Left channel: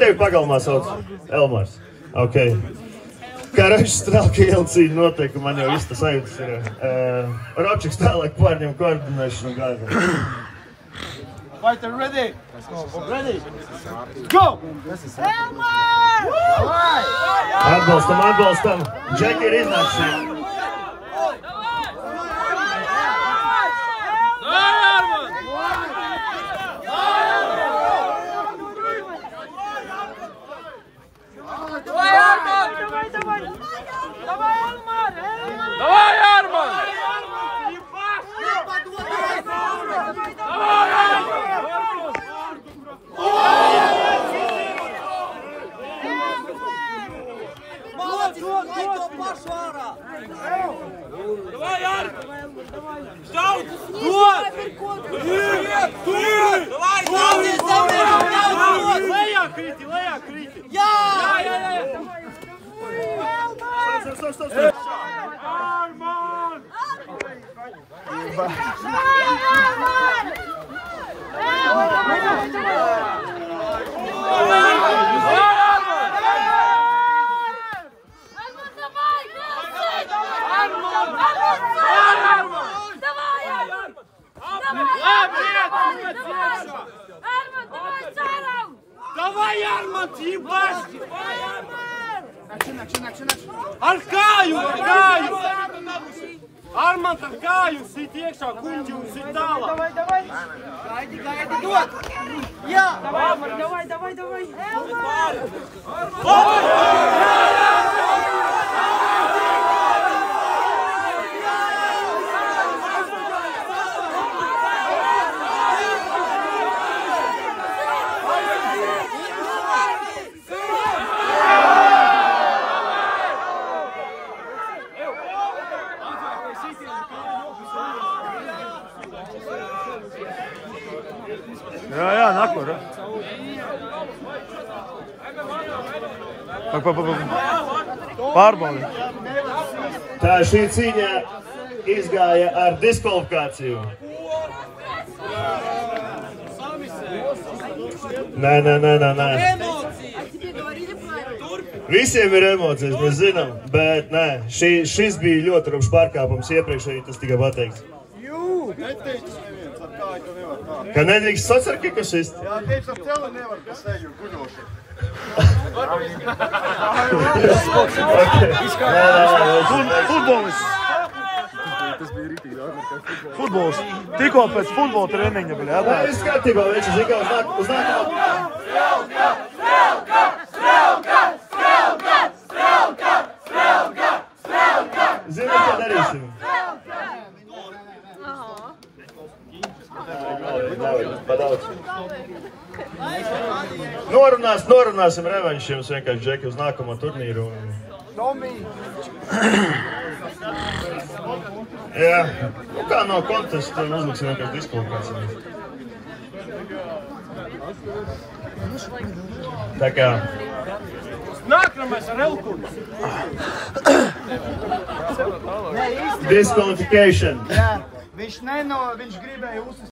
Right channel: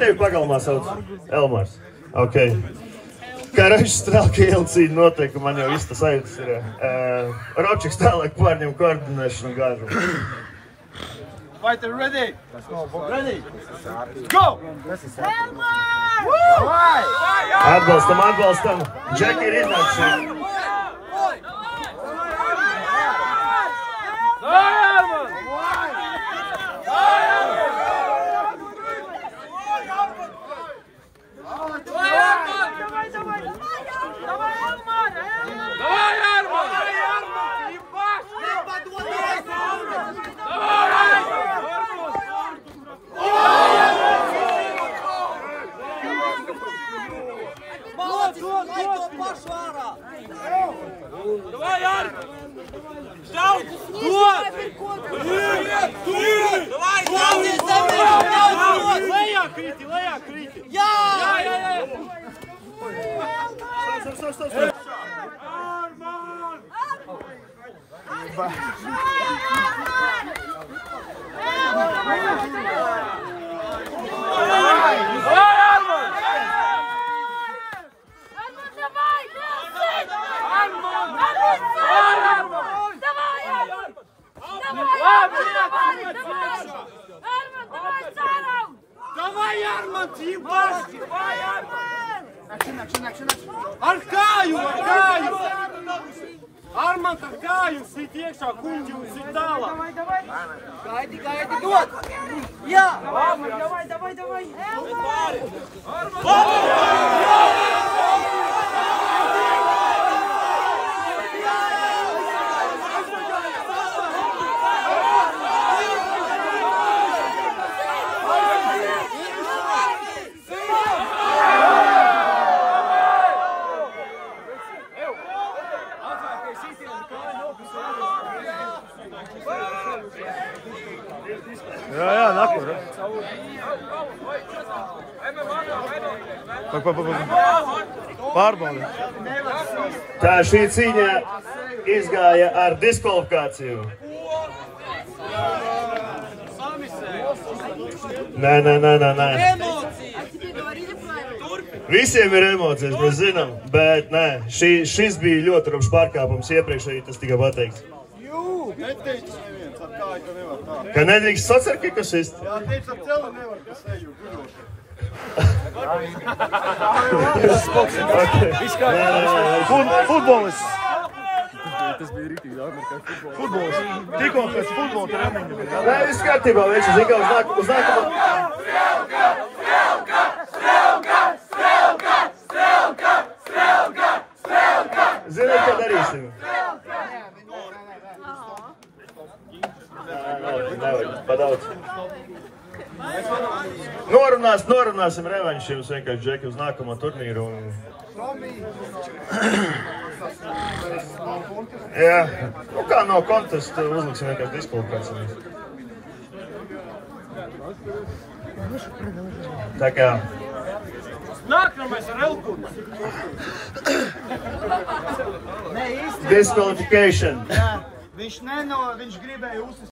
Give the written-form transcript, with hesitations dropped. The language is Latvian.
Tevi pagalmā sauc Elmars. Ok. Kā Ražas Strelka iela cīņa notiek, man jau viss tas sajūtas ir. Robčiks tālāk pārņem koordinēšanu gāžu. Fighter ready? Ready? Go! Atbalstam. Džeki ir iznākuši. Давай, Арк! Ждал! Лея, крити! Я! Стоп! Давай, Арман, ебашь! Давай, Арман! Arkāju! Armand, ar kāju sit iekšā, kuņģi un sit tālāk. Gaidi, dod! Jā! Давай! Jā, nakur. Pārbaudi. Tā šī cīņa izgāja ar diskvalifikāciju. Nē. Visiem ir emocijas, mēs zinām, bet nē, šis bija ļoti rupšs pārkāpums iepriekšēji, tas tikai pateikts. Neteicis neviens, ar kāju, ka nevar tā. Ka nedrīkst sacerkikas ist? Jā, teiks ar celu nevar, kas neļu guļoši. Futbolists. Futbolists. Tikko pēc futbola treniņa bija, jā? Nē, es skatībā, viņš ir zikā uz nākamā. Strelka! Zināt, ko darīsim? Norunāsim revanšu jums vienkārši, Džeki, uz nākamo turnīru. Jā, nu kā no kontesta uzliksim vienkārši diskvalifikāciju. Tā kā... Nākamais ar Elkunu. Disqualification. Jā, viņš gribēja uzsist.